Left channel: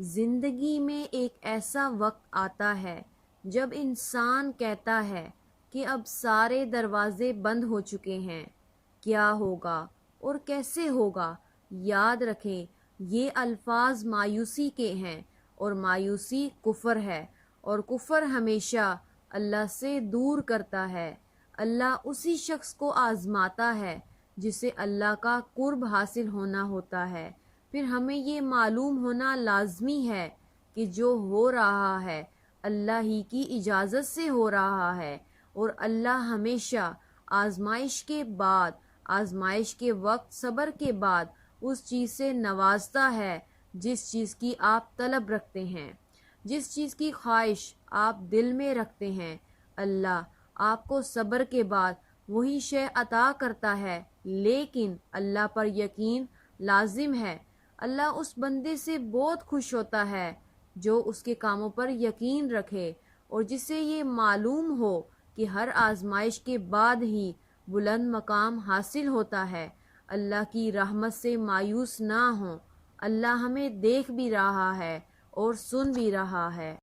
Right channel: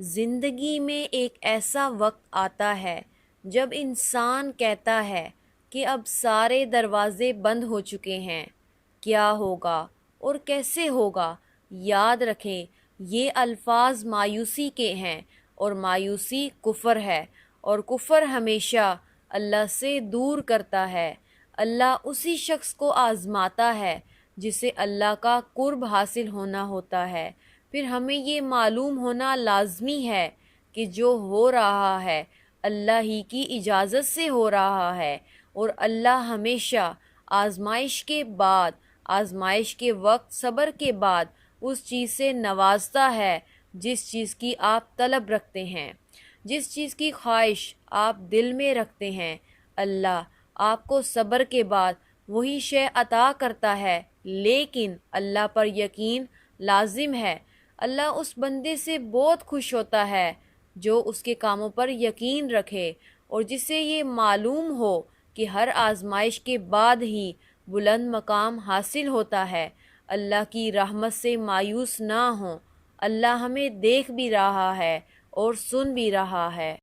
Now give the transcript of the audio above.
زندگی میں ایک ایسا وقت آتا ہے جب انسان کہتا ہے کہ اب سارے دروازے بند ہو چکے ہیں، کیا ہوگا اور کیسے ہوگا؟ یاد رکھیں، یہ الفاظ مایوسی کے ہیں، اور مایوسی کفر ہے، اور کفر ہمیشہ اللہ سے دور کرتا ہے۔ اللہ اسی شخص کو آزماتا ہے جسے اللہ کا قرب حاصل ہونا ہوتا ہے۔ پھر ہمیں یہ معلوم ہونا لازمی ہے کہ جو ہو رہا ہے اللہ ہی کی اجازت سے ہو رہا ہے، اور اللہ ہمیشہ آزمائش کے بعد، آزمائش کے وقت صبر کے بعد اس چیز سے نوازتا ہے جس چیز کی آپ طلب رکھتے ہیں، جس چیز کی خواہش آپ دل میں رکھتے ہیں۔ اللہ آپ کو صبر کے بعد وہی شے عطا کرتا ہے، لیکن اللہ پر یقین لازم ہے۔ اللہ اس بندے سے بہت خوش ہوتا ہے جو اس کے کاموں پر یقین رکھے، اور جسے یہ معلوم ہو کہ ہر آزمائش کے بعد ہی بلند مقام حاصل ہوتا ہے۔ اللہ کی رحمت سے مایوس نہ ہوں، اللہ ہمیں دیکھ بھی رہا ہے اور سن بھی رہا ہے۔